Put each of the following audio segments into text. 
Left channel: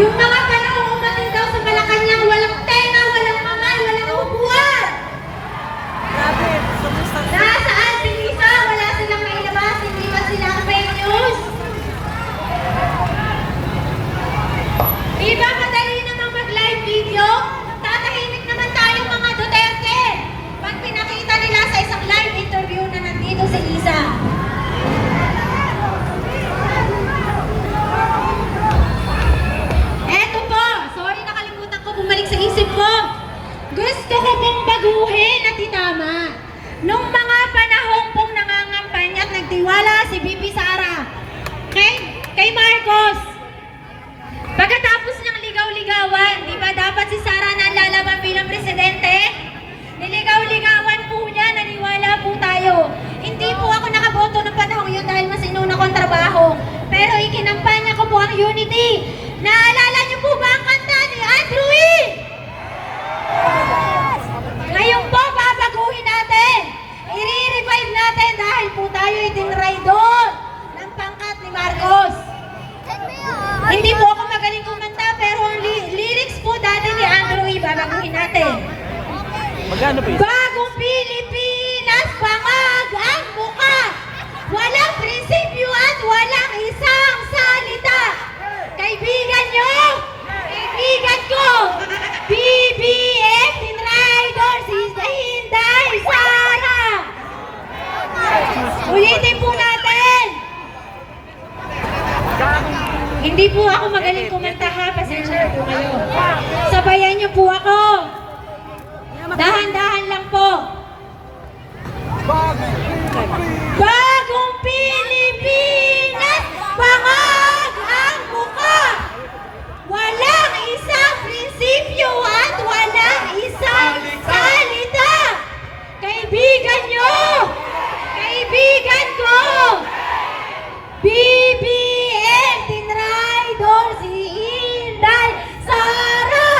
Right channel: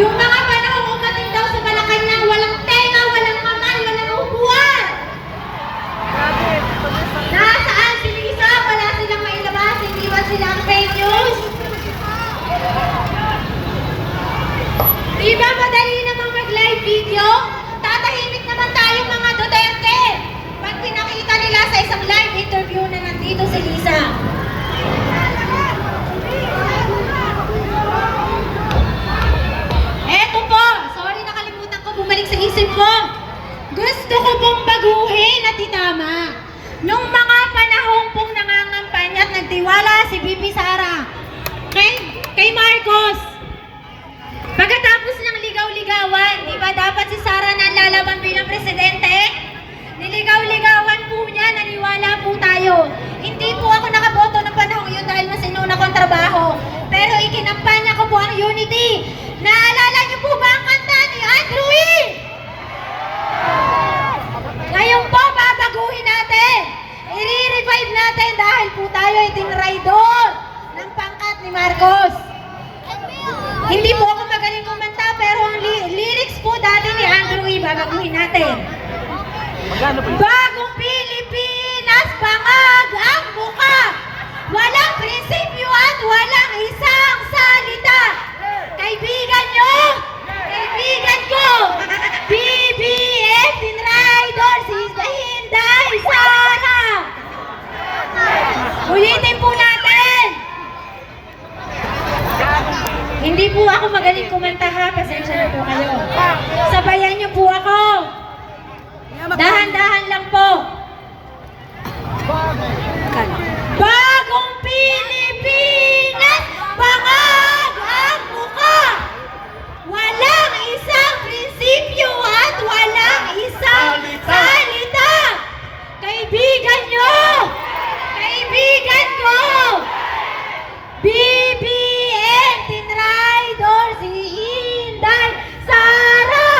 Yung mga panahong umating daw sa Malacanang, walang tenga, walang kamay, walang upuan. Nasaan si Lisa? Wala silang mailabas, hindi ba silang fake news? Di ba madali namang mag-live video? Tatahimik naman tayong mga Duterte. Pag pinakita nila sa isang live interview na nandito si Lisa. Eto po, sorry nakalimutan ko bumalik sa isip ko. Gusto ko pong baguhin at itama. Nung mga panahon pong nangangampanya at nagtiwala si BP Sara kay Marcos. Pagkatapos ng ligaw-ligawan, di ba dapat si Sara na lalaban bilang presidente? Niligaw-ligawan po niya, naniwala po tayo. Hindi po ako nakaboto ng panahon yun dahil mas inuna ko ang trabaho. Pero ikinampanya ko po ang unity. Naalala niyo po ba ang kanta ni Andrew E? Ngayon po, babaguhin natin. I-revive natin dahil po tayo ay tinraidor ng pangkat ni Marcos. Hindi po ako magaling kumanta, pero ang lyrics po dati ni Andrew E, babaguhin natin. Bagong Pilipinas, bangag ang buka. Walang prinsipyo at walang isang salita. Kaibigan nyo, kaibigan ko, BBM, tinraidor, si Hinday Sara. Ulitin po natin. Hindi po ako magaling kumanta ha, pasensya na po kayo. Sabayan niyo po ako. Dahan-dahan lang po. Bagong Pilipinas, bangag ang buka. Walang isang prinsipyo at walang isang salita. Kaibigan nyo, kaibigan ko, BBM, tinraidor, si Hinday Sara.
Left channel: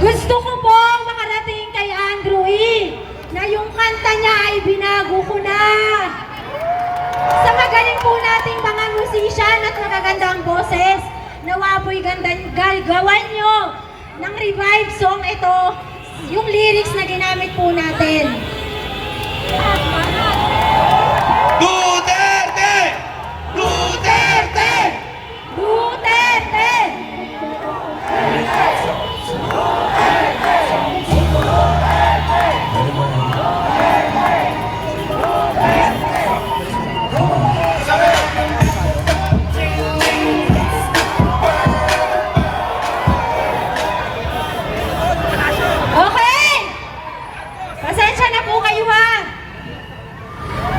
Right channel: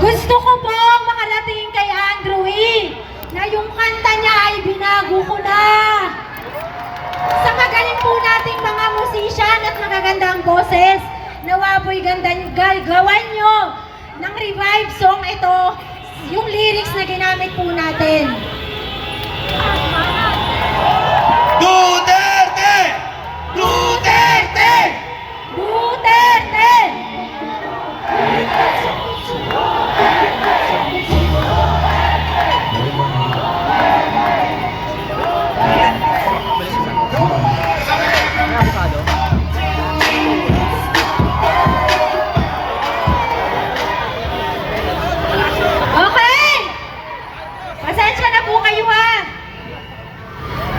Gusto ko pong makarating kay Andrew E. na yung kanta niya ay binago ko na. Sa magaling po nating mga musician at magagandang boses, nawa po'y gawan nyo ng revive song ito, yung lyrics na ginamit po natin. Duterte! Duterte! Duterte! Okay! Pasensya na po kayo ha!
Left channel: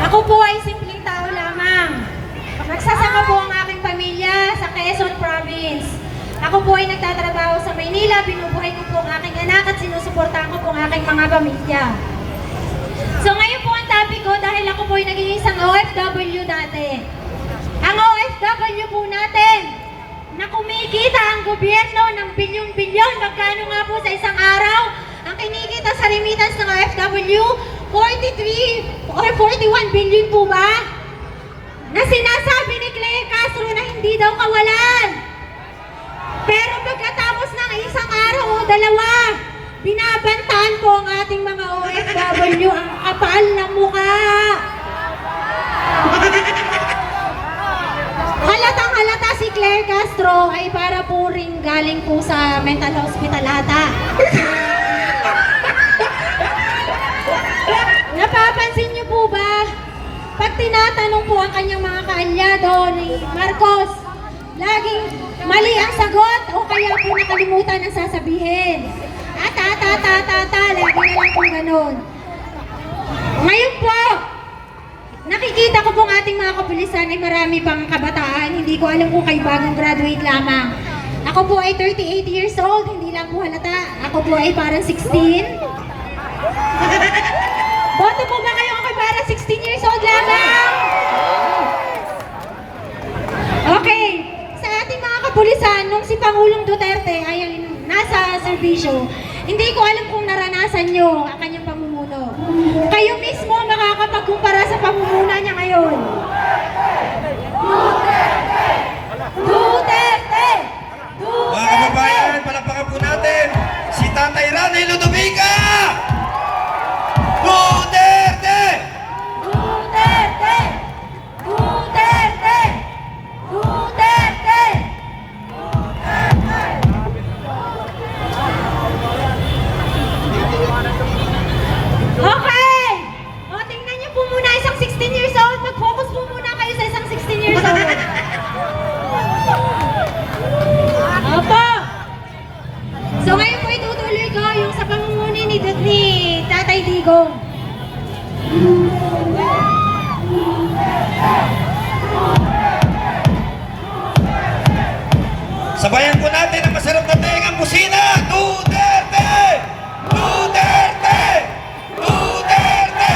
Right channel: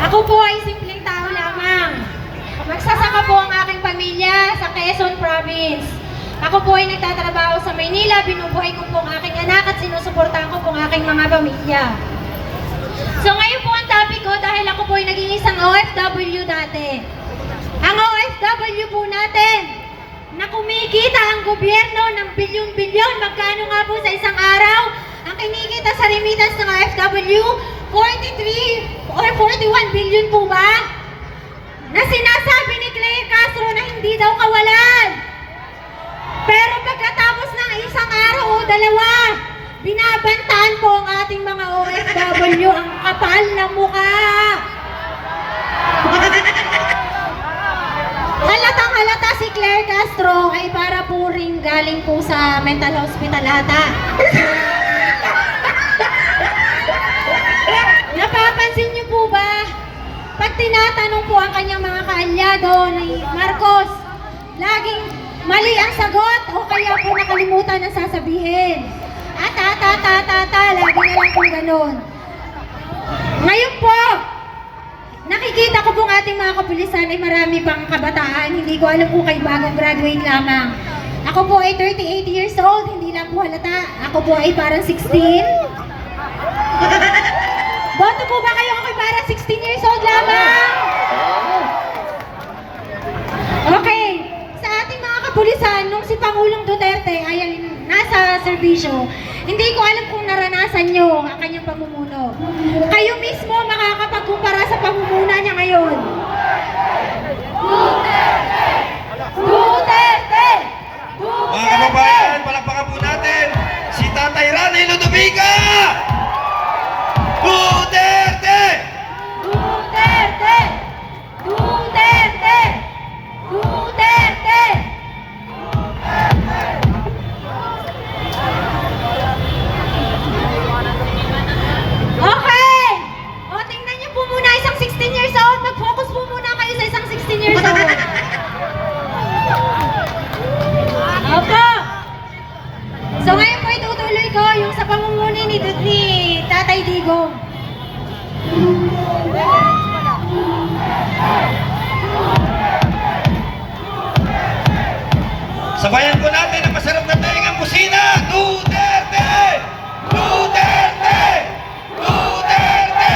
Ako po ay simpleng tao lamang. Magsasaka po ang aking pamilya sa Quezon Province. Ako po ay nagtatrabaho sa Maynila, binubuhay ko po ang aking anak at sinusuportahan ko po ang aking mga pamilya. So ngayon po ang topic ko dahil ako po ay naging isang OFW dati. Ang OFW po natin na kumikita ang gobyerno ng bilyon-bilyon, magkano nga po sa isang araw? Ang kinikita sa remittance ng OFW, 43 or 41 billion po ba? Na sinasabi ni Claire Castro na hindi daw kawalan. Pero pagkatapos ng isang araw o dalawa, binabantaan po ang ating mga OFW ang kapal ng mukha. Halatang halata si Claire Castro ay para po ring galing po sa mental hospital ata. Napapansin niyo po ba? Pag tinatanong po ang kanyang mga kaalyado ni Marcos, laging mali ang sagot o kaya po nakalimutan ang sasabihin. Lagi na lang po ganun. Ngayon po, nakikita ko pong ating mga kapulisan ay marami pang kabataan. Hindi ko alam kung kayo bagong graduate lamang. Ako po ay 38 years old, hindi lang po halata. Ako po ay parang 16. Boto po ba kayo ako parang 16 years old lamang? Okay, sa ating mga kapulisan, nung si Pangulong Duterte ay nasa serbisyo, hindi ko alam kung naranasan nyo ang kanyang pamumuno. Kayo mismo makakapagkumpara sa pamumuno niya ngayon. Duterte! Sabayan po natin ang masarap na tengang busina. Duterte! Duterte! Duterte!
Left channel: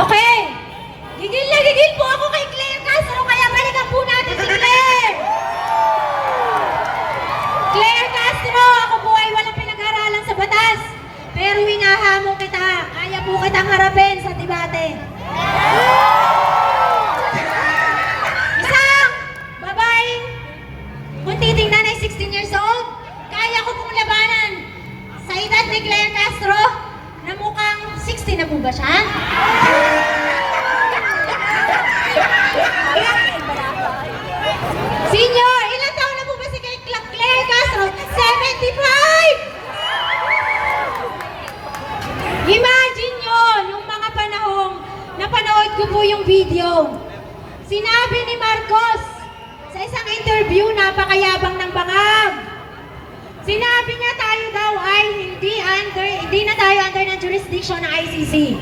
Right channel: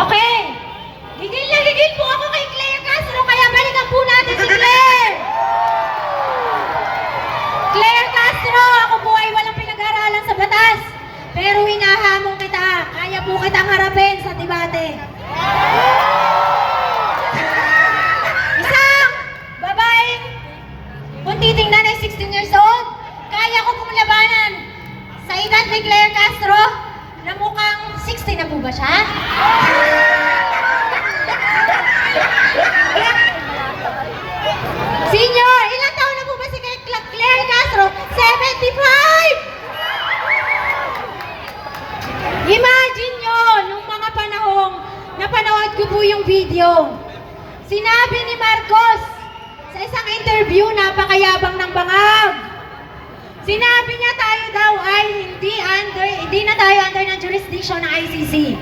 Okay. Gigil na gigil po ako kay Claire Castro, kaya balikan po natin si Claire. Claire Castro, ako po ay walang pinag-aralan sa batas. Pero hinahamo kita. Kaya po kitang harapin sa debate. Isang babaeng kung titingnan ay 16 years old, kaya ko pong labanan sa edad ni Claire Castro na mukhang 60 na po ba siya? Senior, ilang taon na po ba si Claire Castro? 75! Imagine nyo, nung mga panahong napanood ko po yung video, sinabi ni Marcos sa isang interview, napakayabang ng bangag. Sinabi niya tayo daw ay hindi na tayo under ng jurisdiction ng ICC.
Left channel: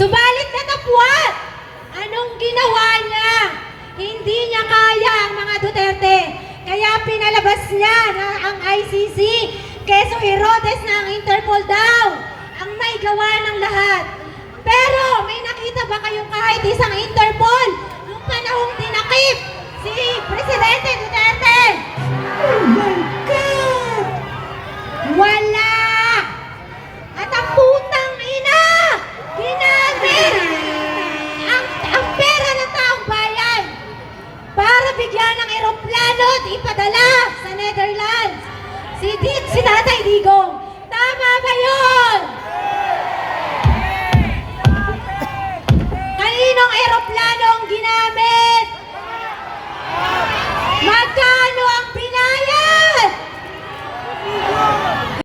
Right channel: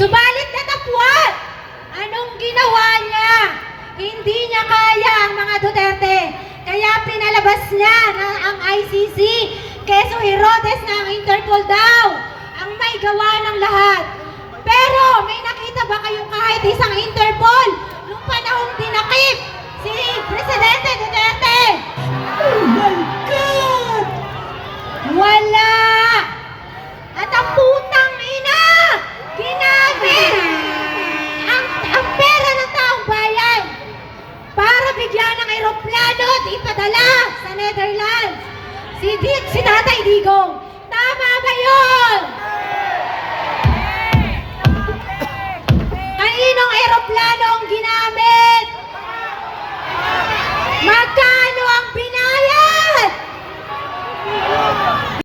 Subalit natapwat, anong ginawa niya? Hindi niya kaya ang mga Duterte. Kaya pinalabas niya na ang ICC, Quezon Herodes na ang Interpol daw ang may gawa ng lahat. Pero may nakita ba kayong kahit isang Interpol nung panahong dinakip si Presidente Duterte? Oh my God! Wala! At ang putang ina, ginamit ang pera ng taong bayan para bigyan ng eroplano at ipadala sa Netherlands. Si Tatay Digong, tama ba yun?